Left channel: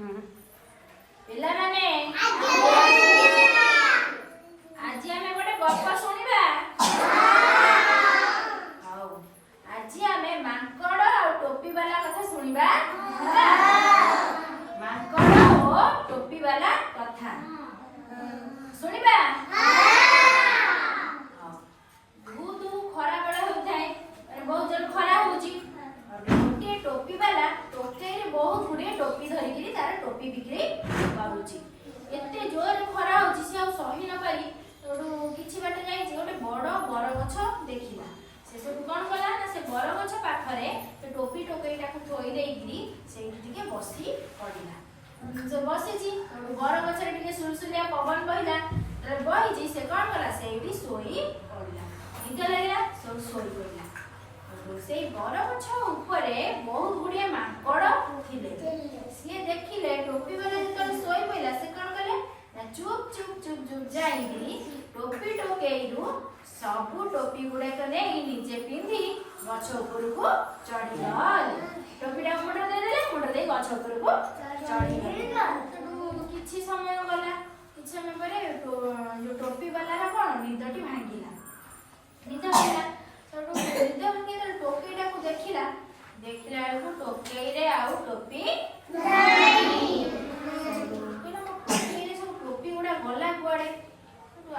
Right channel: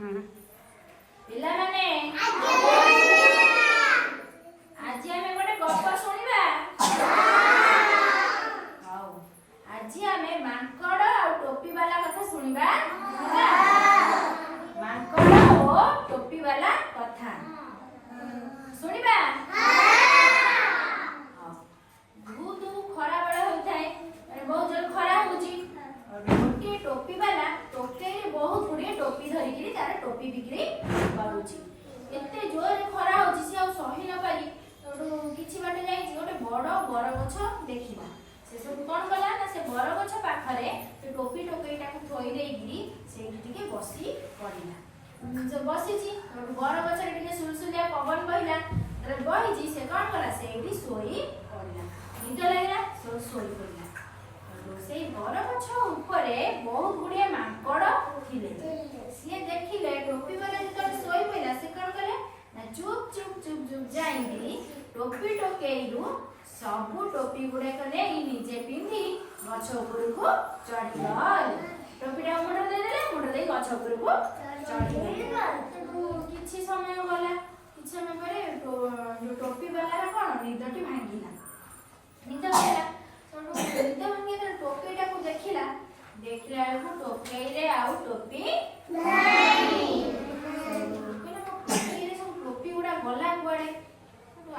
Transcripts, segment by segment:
पिला माने आज आमे गोटे गप सुनिबा हां आज आमे मांकड़ और टोपी वाला कथा सुनिबा ହେଲା मांकड़ और टोपी वाला कथा सुनिबा हां बहुत खरा बड़ा होताय बहुत जल खरा होची गोटे टोपी वाला टोके बहुत गुड़े टोपी धरिकी तार टोपी बिक्री करुची एते जोर खरा होची से सही न पारी किछि बाटे जाई गोटे बड़ बर गछ देखिला से सब कोन कला ना से बर गछ पाखरे से टोपी टोकईटा को थोई देइगी से टिके बसी पड़िला जो बसी छी बर गछ रे टिके सुलसुलिया पवन बहिला बही जी से कोन कला सेठी सोई पड़िला निद लागला सो सोई पड़िला से बर गछ ऊपरे बहुत गुड़िया मांकड़ थिले से देखिले टोपी वाला जतन सोई पइला से कोन करे ना चुप चुप चुप चुप जाईली टोपी टोकेइरु सबु टोपी गुडा कने नीचे पिंधी गछ ऊपर को चढ़ी गल टोपीटा मुंड दे देले मुंड दे गछ ऊपर को चढ़ी गल किछि समय गला किछि समय परे जो टोपी वाला रा कोन निदटी भांगिला निद भांगिला तो निद भांगिला टोपीटा को देखिला देखला को टोपी रे आउ टोपी नाही टोपी रे सब टोपी गुडा गला कुआडे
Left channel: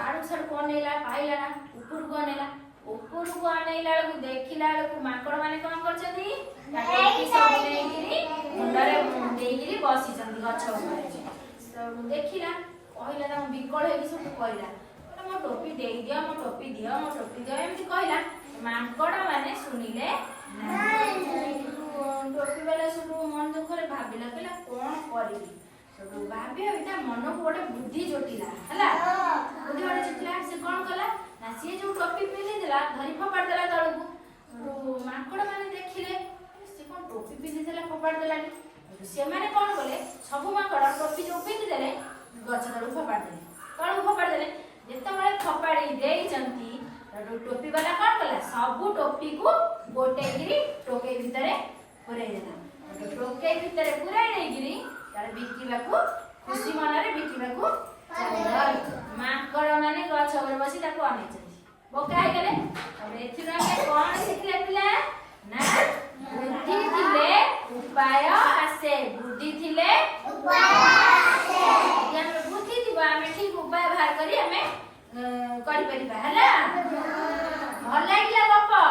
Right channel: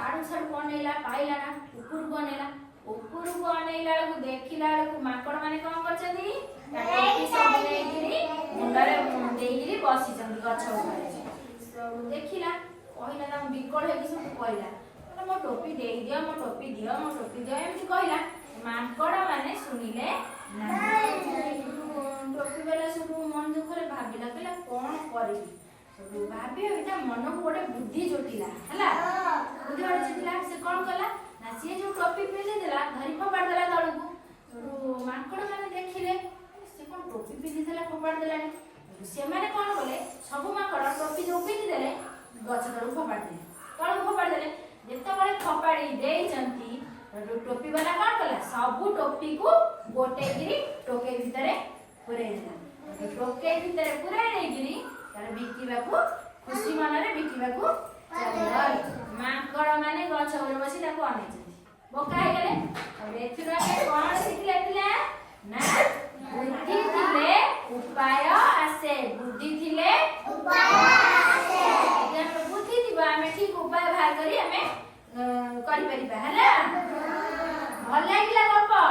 आड़ू सर को नेला पाइला ना ऊपर को नेला को देखिला को मांकड़ माने कोन करछथि टोपी सब नेगिरी मुंडरे देइगिरी बसी जंदी गछ ऊपर तो देखिला कहला ना बिकल हेकी सब कहला मो टोपी देई दियो मो टोपी दियो एमति कहला मांकड़ माने सुनिले टोपी वाला सब मन दुख रे भाबिला कहला कोन करिबी भाभी एटा मन को गोटे बुद्धि जोटिला हला बुद्धि वाला जोटिला से कोन कला ना से जो टोपी पिले देला धरी फपाड़ देला तळकु मांकड़ माने देखिले से कोन टोपी पिले देला फपाड़ देला से माने कोन बोले सब मांकड़ टोपी जो पिले देले गछ तळु फपाड़ देले तळु फपाड़ देले जेते बळे फपाड़ी देई चंती टोपी वाला कोन कला सब टोपी को गोटे गिरी टोके भितरे पुरै देला टोके भितरे पुरै नै गिरी तार बिकिबाकू खुशी मनरे बिकिबाकू चलल मांकड़ माने गछ ऊपर बसी ताको अनेचथि बोका हे गेले और एथिरा के कोन सिखले थिला ना बुद्धि थिले उपाय आसे बुद्धि थिले उपाय आसे जन बुद्धि दिबा हमें ठीक उपाय बाहर करी हमें करि परिबा हला भल लागिला बापा